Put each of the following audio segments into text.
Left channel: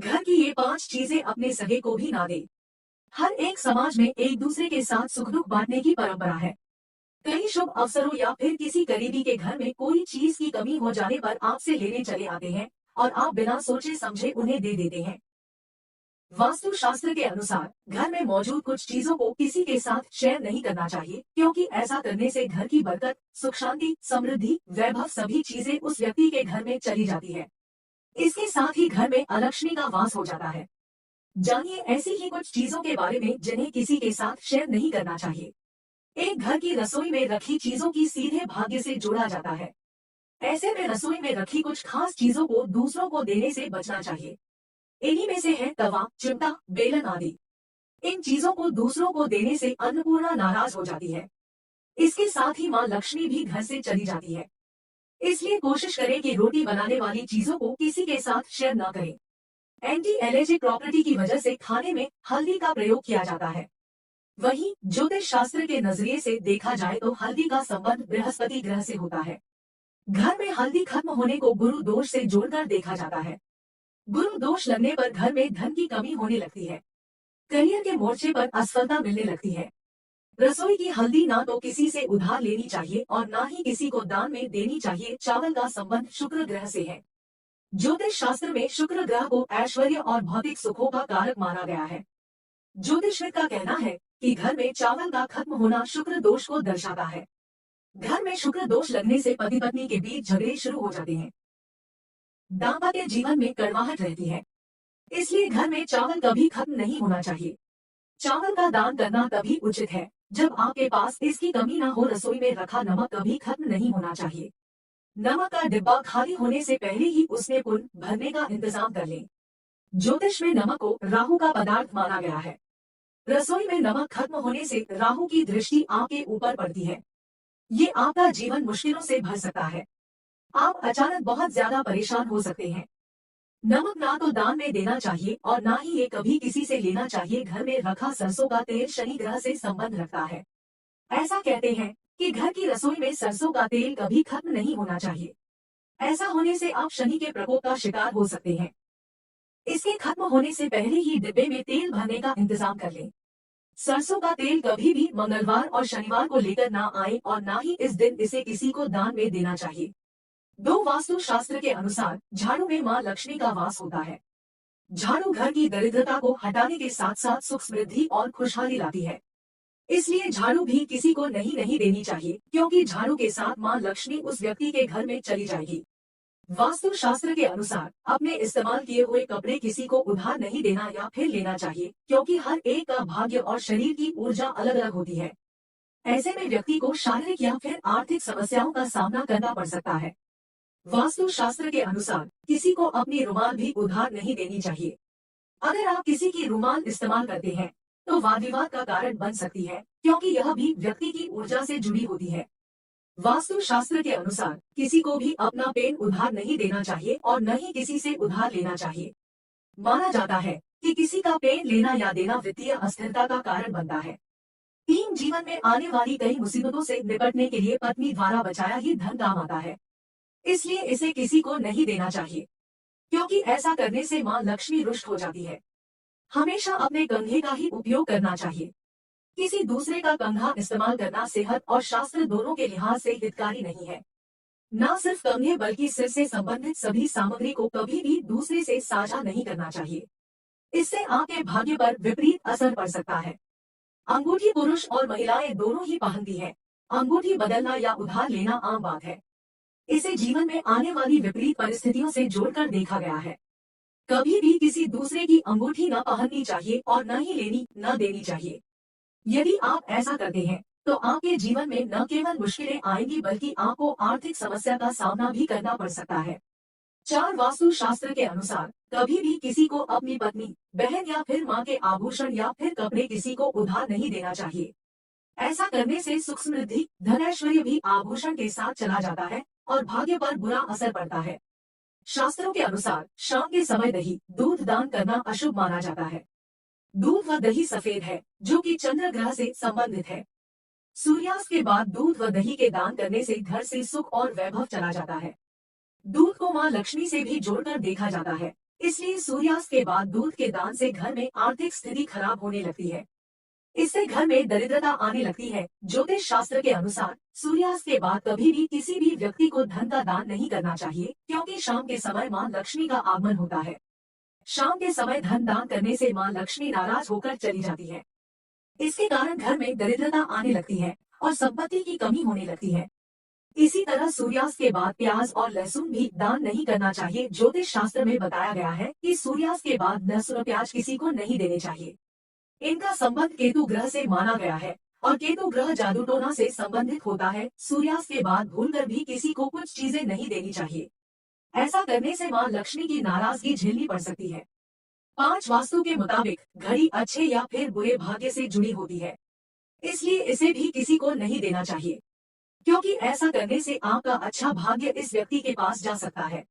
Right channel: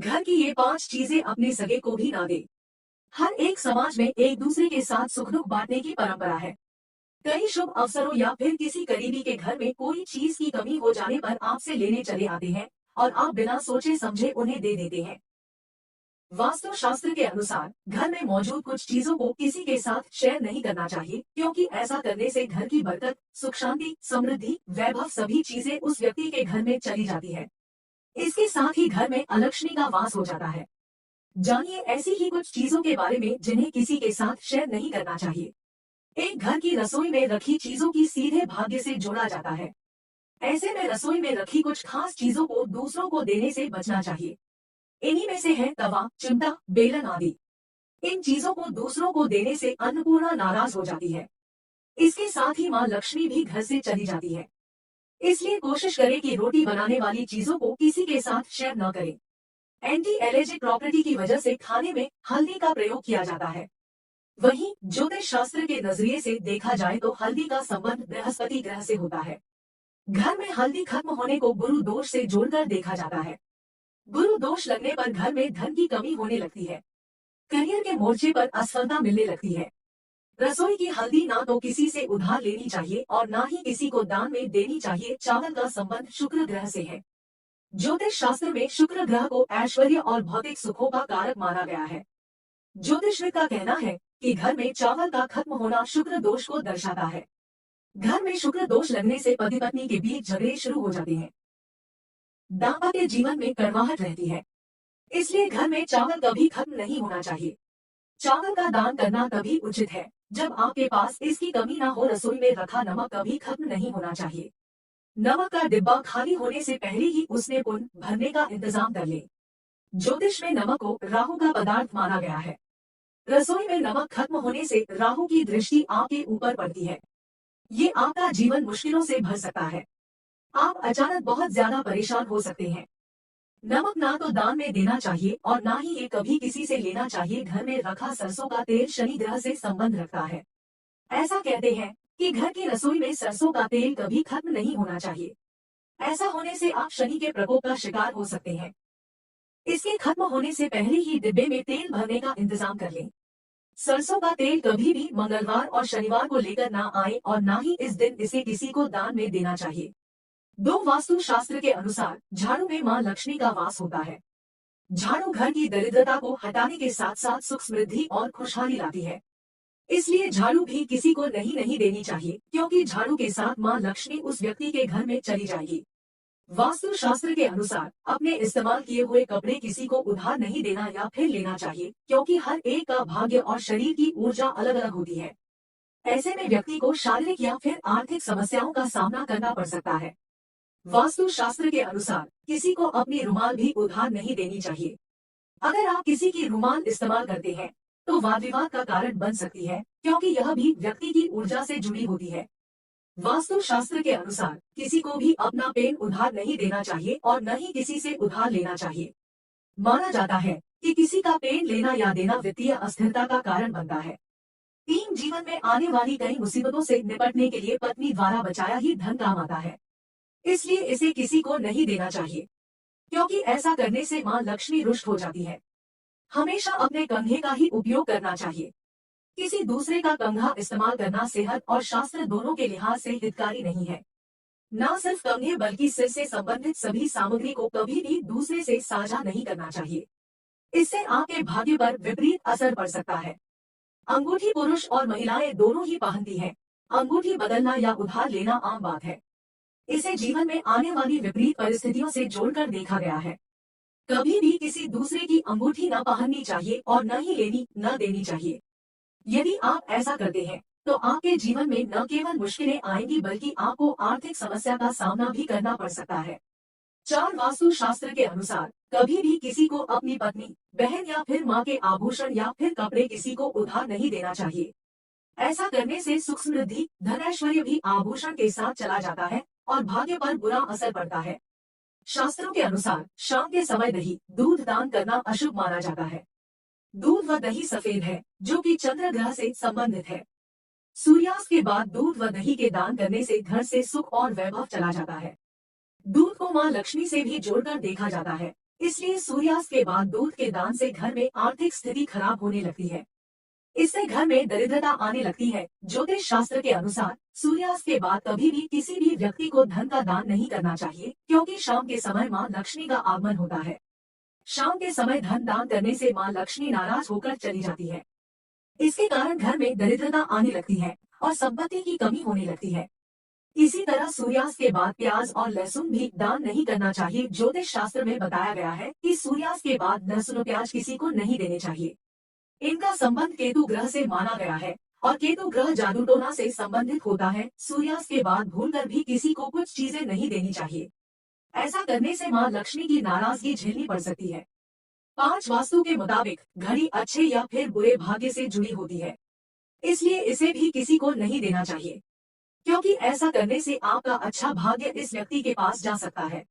घर की ये 5 चीजें अपने सगे को भी ना दे। हर एक समाज में एक दूसरे के साथ सुख दुख बांटने की परंपरा है। कई शुभ अवसरों या फिर किसी करीबी के घर में कोई चीज की कमी हो जाने पर आपसे लेने चले आते हैं और आप बिना सोचे समझे उन्हें दे देते हैं। वास्तु शास्त्र के अनुसार घर में मौजूद कुछ चीजों को किसी के साथ शेयर नहीं करना चाहिए, क्योंकि ऐसा करने से घर की बरकत, सुख शांति, समृद्धि, वैभव सभी चीजें उस व्यक्ति के घर में चली जाती है। इसके साथ ही घर में अलक्ष्मी का वास हो जाता है। जानिए ऐसी ही कुछ चीजों के बारे में जिन्हें किसी के साथ शेयर नहीं करना चाहिए। एक घर की रसोई में रखी चीजों की सीधे भाग्य से जोड़ा जाता है। ऐसे में रसोई में रखी कुछ खास चीजों को दूसरों को देने से बचना चाहिए। इन्हीं में से है तवा, चिमटा, बेलन आदि। इन चीजों को दूसरों को देने से अन्नपूर्णा नाराज हो जाती है। इसके साथ ही माँ लक्ष्मी भी घर से चली जाती है। इसलिए कोशिश करें कि रोटी बनाने वाली चीजों को किसी के साथ शेयर न करें। एंटी एलर्जिक प्रॉपर्टी की वजह से खाने में हल्दी का प्रयोग किया जाता है। वहीं ज्योतिष शास्त्र के नजरिए से देखा जाए तो हल्दी का संबंध बृहस्पति ग्रह से होता है। घर में हल्दी खत्म होने को गुरु दोष से जोड़कर देखा जाता है। गुरु दोष लगने पर घर में धन की कमी होने लगती है। करियर के मोर्चे पर असफलता मिलने लगती है। रसोई की हल्दी ना तो किसी से उधार लेनी चाहिए और ना ही किसी को दान में देनी चाहिए। चावल का संबंध शुक्र ग्रह से है। ज्योतिष शास्त्र में शुक्र ग्रह को ऐश्वर्य और भौतिक सुखों का कारक माना गया है। ज्योतिषविद का कहना है कि घर में चावल का खत्म होना शुक्र दोष को दर्शाता है। घर में शुक्र दोष लगने से पति पत्नी के बीच झगड़े शुरू हो जाते हैं। दाम्पत्य जीवन में कड़वाहट रहती है। इसलिए घर में चावल कभी खत्म नहीं होना चाहिए। चावल का दान करना तभी उचित है जब आपके पास इसकी कमी ना हो। रसोई में रखा नमक कभी खत्म नहीं होना चाहिए। नमक का डिब्बा खाली होने से पहले ही उसमें पुन भरने का इंतजाम कर लें। ज्योतिष में नमक को राहु का पदार्थ माना गया है। रसोई में नमक खत्म होने से राहु की दृष्टि आपके ऊपर पड़ती है। ये आपका जीवन मुश्किलों से भर सकता है। आप अचानक बहुत ज्यादा परेशान हो सकते हैं। नमक ना तो दान में देना चाहिए और ना ही ये कभी किसी से लेना चाहिए। घर में रखा सरसों का तेल शनि ग्रह से संबंध रखता है। ऐसा कहते हैं कि घर की रसोई में सरसों का तेल कभी खत्म नहीं होना चाहिए। ऐसा होने से आप शनि के प्रकोप का शिकार हो सकते हैं। इसके खत्म होने से पहले ही डिब्बे में तेल भरने का इंतजाम कर लें। सरसों का तेल कभी भी मंगलवार और शनिवार को लेकर ना आए और ना ही इस दिन इसे किसी को दान में देना चाहिए। दो वास्तु शास्त्र के अनुसार झाड़ू में मां लक्ष्मी का वास होता है। झाड़ू घर की दरिद्रता को हटाने के साथ साथ सुख समृद्धि और खुशहाली लाती है। इसलिए झाड़ू भी किसी को नहीं नहीं देनी चाहिए, क्योंकि झाड़ू के साथ मां लक्ष्मी उस व्यक्ति के घर में चली जाएगी। वास्तु शास्त्र के अनुसार अपने इस्तेमाल किए हुए कपड़े किसी को उधार नहीं देना या फिर लेना चाहिए, क्योंकि हर एक का भाग्य और शरीर की ऊर्जा अलग अलग होती है। ऐसे में व्यक्ति को शारीरिक या फिर आर्थिक समस्याओं का सामना करना पड़ सकता है। वास्तु शास्त्र के अनुसार किसी को अपनी रुमाल भी उधार नहीं देनी चाहिए। अगर आप किसी की रुमाल इस्तेमाल करते हैं तो वाद विवाद का कारण बन सकती है, क्योंकि यह भी व्यक्ति की ऊर्जा से जुड़ी होती है। वास्तु शास्त्र के अनुसार किसी को भी अपना पेन उधार नहीं देना चाहिए और न ही किसी से उधार लेना चाहिए। माना जाता है कि किसी का पेन लेना या देना वित्तीय अस्थिरता का कारण बनता है। टीम जीवन में आने वाली कई मुसीबतों से निपटने के लिए पत्नी द्वारा बचाया ही धन काम आता है। इसलिए इसे किसी को नहीं देना चाहिए, क्योंकि ऐसा करने से मां लक्ष्मी रुष्ट हो जाती है। हमेशा अपने कंघे का ही उपयोग करना चाहिए। किसी दूसरे का कंघा इस्तेमाल करना सेहत और शास्त्र दोनों के लिहाज से हितकारी नहीं है। न सिर्फ कंघे बल्कि सिर से संबंधित सभी सामग्री को कभी भी दूसरे से साझा नहीं करना चाहिए। इससे आपके भाग्य पर विपरीत असर पड़ सकता है। अंगूठी पुरुष और महिलाएं दोनों ही पहनती हैं। अंगूठी बदलना या उधार लेना आम बात है। इसे जीवन में आने वाली विपरीत परिस्थितियों से जोड़कर देखा गया है। कभी भी किसी दूसरे की अंगूठी न पहननी चाहिए और न ही लेनी न देनी चाहिए। यदि आप ऐसा करते हैं तो आपके जीवन में न केवल मुश्किलें आएंगी बल्कि आपको आर्थिक समस्या का सामना भी करना पड़ सकता है। चार वास्तु शास्त्र के अनुसार कभी भी किसी को अपनी पत्नी, बहन या फिर माँ के आभूषण या फिर कपड़े किसी को उधार नहीं देना चाहिए। ऐसा करने से सुख समृद्धि, धन ऐश्वर्य भी आभूषण के साथ चला जाता है और भाग्य पर बुरा असर पड़ता है। शास्त्रों के अनुसार शाम के समय दही, दूध दान करना अशुभ माना जाता है। दूध व दही सफेद है, जो कि चंद्र ग्रह से संबंधित है। सूर्यास्त के बाद दूध व दही के दान करने से घर से सुख और वैभव चला जाता है। दूध को मां लक्ष्मी से भी जोड़कर देखा जाता है। इसलिए सूर्यास्त के बाद दूध के दान से घर में आर्थिक स्थिति खराब होने लगती है। इससे घर में दरिद्रता आने लगती है। ज्योतिष शास्त्र के अनुसार सूर्यास्त के बाद कभी भी किसी भी व्यक्ति को धन का दान नहीं करना चाहिए, क्योंकि शाम के समय मां लक्ष्मी का आगमन होता है। शाम के समय धन दान करने से मां लक्ष्मी नाराज होकर चली जाती है। इसके कारण घर में दरिद्रता आने लगती है और संपत्ति की कमी होने लगती है। इसी तरह सूर्यास्त के बाद प्याज और लहसुन भी दान नहीं करना चाहिए। ज्योतिष शास्त्र में बताया गया है कि सूर्यास्त के बाद लहसुन और प्याज किसी को नहीं देने चाहिए। इनका संबंध केतु ग्रह से माना गया है और केतु ग्रह जादू टोना से संबंधित होता है। सूर्यास्त के बाद भूलकर भी किसी को कुछ चीजें नहीं देनी चाहिए। ऐसा करने से मां लक्ष्मी की नाराजगी झेलनी पड़ सकती है। 5 वास्तु के मुताबिक घड़ी अच्छे या फिर बुरे भाग्य से जुड़ी होती है, इसलिए इसे भी किसी को नहीं देना चाहिए, क्योंकि ऐसा करने से आपका अच्छा भाग्य इस व्यक्ति के पास जा सकता है।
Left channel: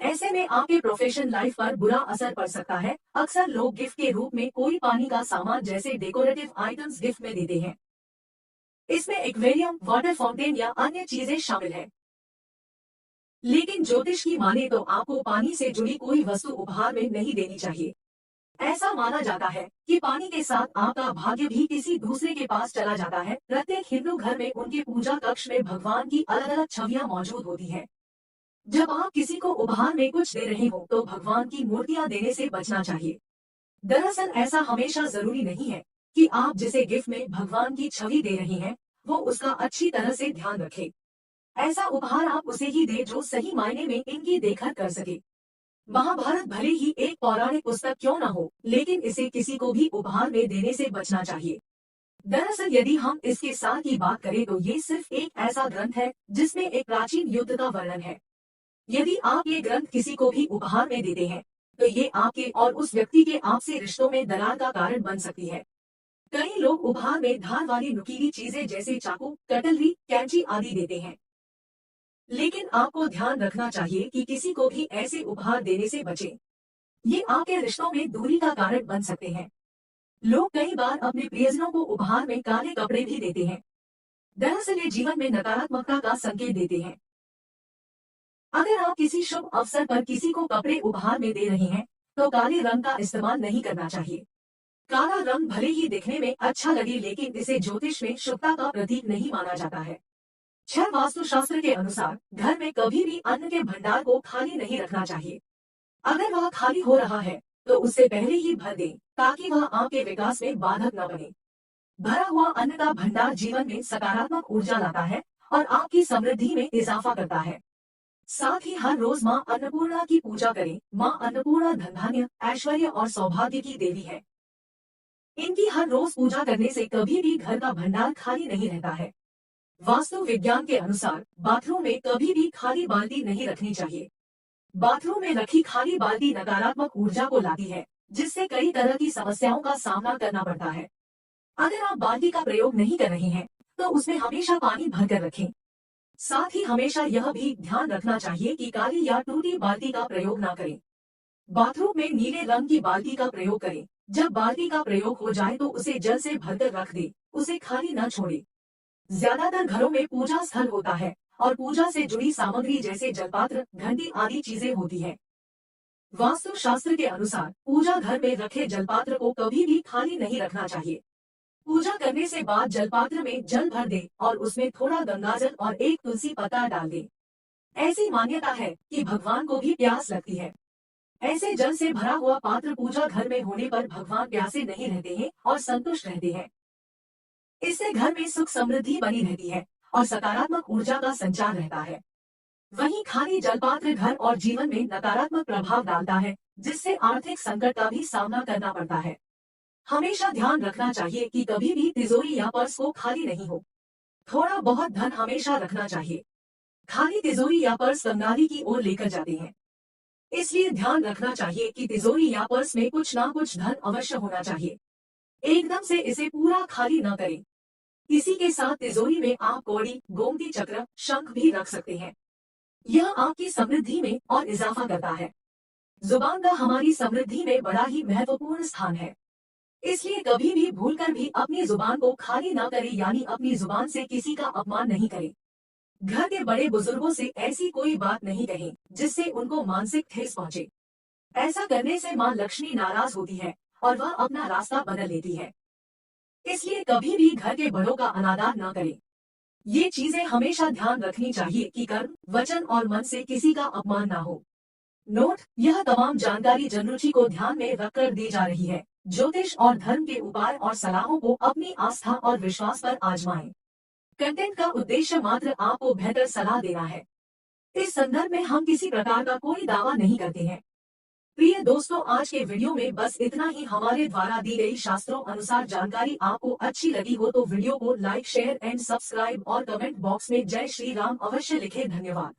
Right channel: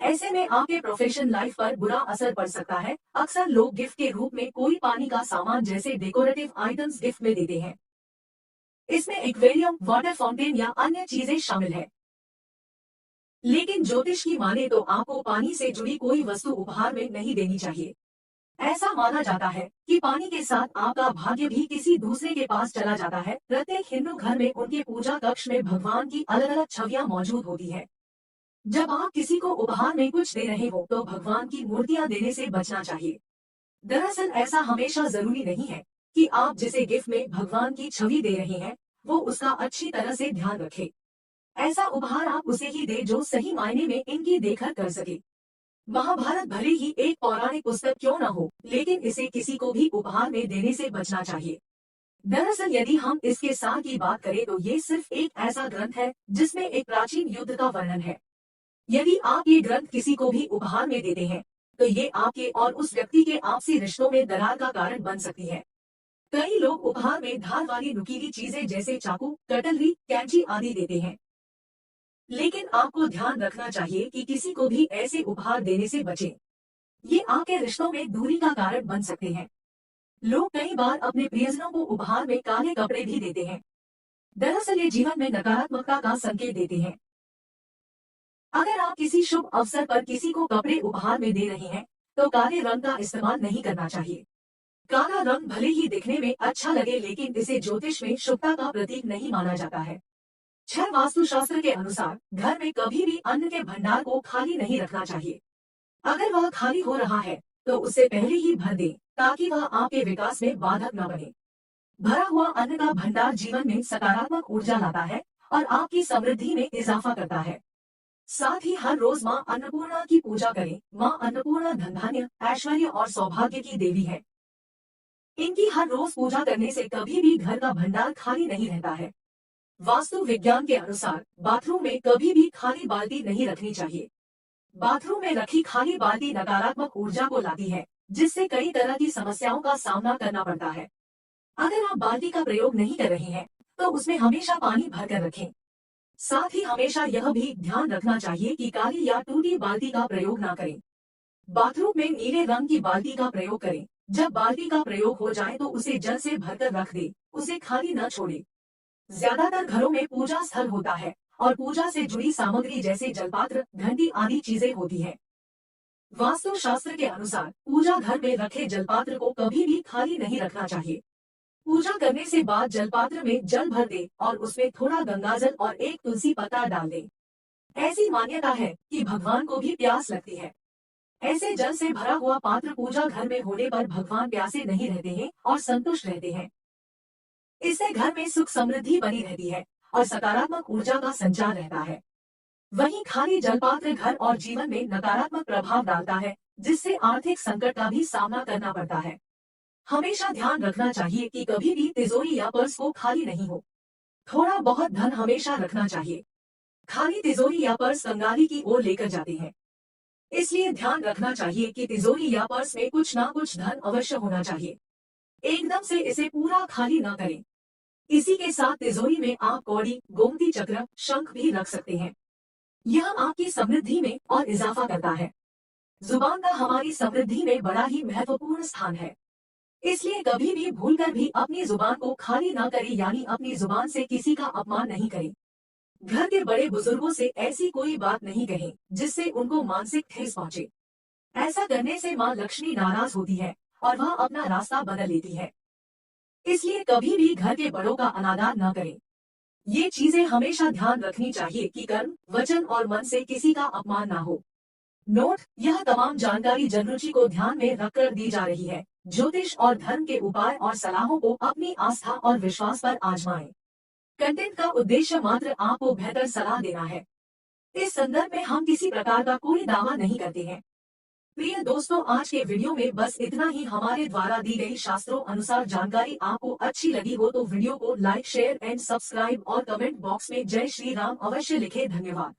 ऐसे में आपके प्रोफेशन लाइफ पर बुरा असर पड़ सकता है। अक्सर लोग गिफ्ट के रूप में कोई पानी का सामान जैसे डेकोरेटिव आइटम्स गिफ्ट में देते हैं। इसमें एक्वेरियम, वाटर फाउंटेन या अन्य चीजें शामिल है। लेकिन ज्योतिष की माने तो आपको पानी से जुड़ी कोई वस्तु उपहार में नहीं देनी चाहिए। ऐसा माना जाता है कि पानी के साथ आपका भाग्य भी किसी दूसरे के पास चला जाता है। प्रत्येक हिंदू घर में उनके पूजा कक्ष में भगवान की अलग अलग छवियां मौजूद होती हैं। जब आप किसी को उपहार में कुछ दे रहे हो तो भगवान की मूर्तियां देने से बचना चाहिए। दरअसल ऐसा हमेशा जरूरी नहीं है कि आप जिसे गिफ्ट में भगवान की छवि दे रहे हैं वो उसका अच्छी तरह से ध्यान रखे। ऐसा उपहार आप उसे ही दे जो सही मायने में इनकी देखभाल कर सके। महाभारत भले ही एक पौराणिक पुस्तक क्यों न हो, लेकिन इसे किसी को भी उपहार में देने से बचना चाहिए। दरअसल यदि हम इसके सार की बात करें तो ये सिर्फ एक ऐसा ग्रंथ है जिसमें एक प्राचीन युद्ध का वर्णन है। यदि आप ये ग्रंथ किसी को भी उपहार में देते हैं तो ये आपके और उस व्यक्ति के आपसी रिश्तों में दरार का कारण बन सकती है। कई लोग उपहार में धार वाली नुकीली चीजें जैसे चाकू, कटलरी, कैंची आदि देते हैं। लेकिन आपको ध्यान रखना चाहिए कि किसी को भी ऐसे उपहार देने से बचें। ये आपके रिश्तों में दूरी का कारण बन सकते हैं। लोग कई बार अपने प्रियजनों को उपहार में काले कपड़े भी देते हैं। दरअसल ये जीवन में नकारात्मकता का संकेत देते हैं। अगर आप किसी शुभ अवसर पर किसी को कपड़े उपहार में दे रहे हैं तो काले रंग का इस्तेमाल नहीं करना चाहिए। काला रंग भले ही दिखने में अच्छा लगे, लेकिन इसे ज्योतिष में शुभता का प्रतीक नहीं माना जाता है। 6 वास्तुशास्त्र के अनुसार घर में कभी भी अन्न के भंडार को खाली नहीं रखना चाहिए। अगर वह खाली हो रहा है तो उसे पहले ही भर दें ताकि वह आपके विकास में बाधक न बने। भरा हुआ अन्न का भंडार जीवन में सकारात्मक ऊर्जा लाता है और आपकी समृद्धि में इजाफा करता है। साथ ही हर रोज माँ अन्नपूर्णा की पूजा करें। माँ अन्नपूर्णा धन धान्य, ऐश्वर्य और सौभाग्य की देवी है। इनकी हर रोज पूजा करने से कभी भी घर का भंडार खाली नहीं रहता है। वास्तु विज्ञान के अनुसार बाथरूम में कभी भी खाली बाल्टी नहीं रखनी चाहिए। बाथरूम में रखी खाली बाल्टी नकारात्मक ऊर्जा को लाती है, जिससे कई तरह की समस्याओं का सामना करना पड़ता है। अगर आप बाल्टी का प्रयोग नहीं कर रहे हैं तो उसमें हमेशा पानी भरकर रखें। साथ ही हमेशा यह भी ध्यान रखना चाहिए कि काली या टूटी बाल्टी का प्रयोग न करें। बाथरूम में नीले रंग की बाल्टी का प्रयोग करें। जब बाल्टी का प्रयोग हो जाए तो उसे जल से भरकर रख दें, उसे खाली न छोड़े। ज्यादातर घरों में पूजा स्थल होता है और पूजा से जुड़ी सामग्री जैसे जलपात्र, घंटी आदि चीजें होती है। वास्तु शास्त्र के अनुसार पूजा घर में रखे जलपात्र को कभी भी खाली नहीं रखना चाहिए। पूजा करने से बाद जलपात्र में जल भर दे और उसमें थोड़ा गंगाजल और एक तुलसी पत्ता डाल दे। ऐसी मान्यता है कि भगवान को भी प्यास लगती है। ऐसे जल से भरा हुआ पात्र पूजा घर में होने पर भगवान प्यासे नहीं रहते हैं और संतुष्ट रहते हैं। इससे घर में सुख समृद्धि बनी रहती है और सकारात्मक ऊर्जा का संचार रहता है। वहीं खाली जलपात्र घर और जीवन में नकारात्मक प्रभाव डालता है, जिससे आर्थिक संकट का भी सामना करना पड़ता है। हमेशा ध्यान रखना चाहिए कि कभी भी तिजोरी या पर्स को खाली नहीं हो। थोड़ा बहुत धन हमेशा रखना चाहिए। खाली तिजोरी या पर्स कंगाली की ओर लेकर जाते हैं। इसलिए ध्यान रखना चाहिए कि तिजोरी या पर्स में कुछ ना कुछ धन अवश्य होना चाहिए। एकदम से इसे पूरा खाली न करें। इसी के साथ तिजोरी में आप कौड़ी, गोमती चक्र, शंख भी रख सकते हैं। यह आपकी समृद्धि में और इजाफा करता है। जुबान का हमारी समृद्धि में बड़ा ही महत्वपूर्ण स्थान है। इसलिए कभी भी भूलकर भी अपनी जुबान को खाली ना करें, यानी अपनी जुबान से किसी का अपमान नहीं करें। घर के बड़े बुजुर्गों से ऐसी कोई बात नहीं कहें जिससे उनको मानसिक ठेस पहुंचे। ऐसा करने से माँ लक्ष्मी नाराज होती है और वह अपना रास्ता बदल लेती है। इसलिए कभी भी घर के बड़ों का अनादर न करें। ये चीजें हमेशा ध्यान रखनी चाहिए कि कर्म, वचन और मन से किसी का अपमान ना हो। नोट: यह तमाम जानकारी जनरुचि को ध्यान में रखकर दी जा रही है। ज्योतिष और धर्म के उपाय और सलाहों को अपनी आस्था और विश्वास पर आजमाएं। कंटेंट का उद्देश्य मात्र आपको बेहतर सलाह देना है। इस संदर्भ में हम किसी प्रकार का कोई दावा नहीं करते हैं। प्रिय दोस्तों, आज के वीडियो में बस इतना ही। हमारे द्वारा दी गई शास्त्रों अनुसार जानकारी आपको अच्छी लगी हो तो वीडियो को लाइक, शेयर एंड सब्सक्राइब और कमेंट बॉक्स में जय श्री राम अवश्य लिखें। धन्यवाद।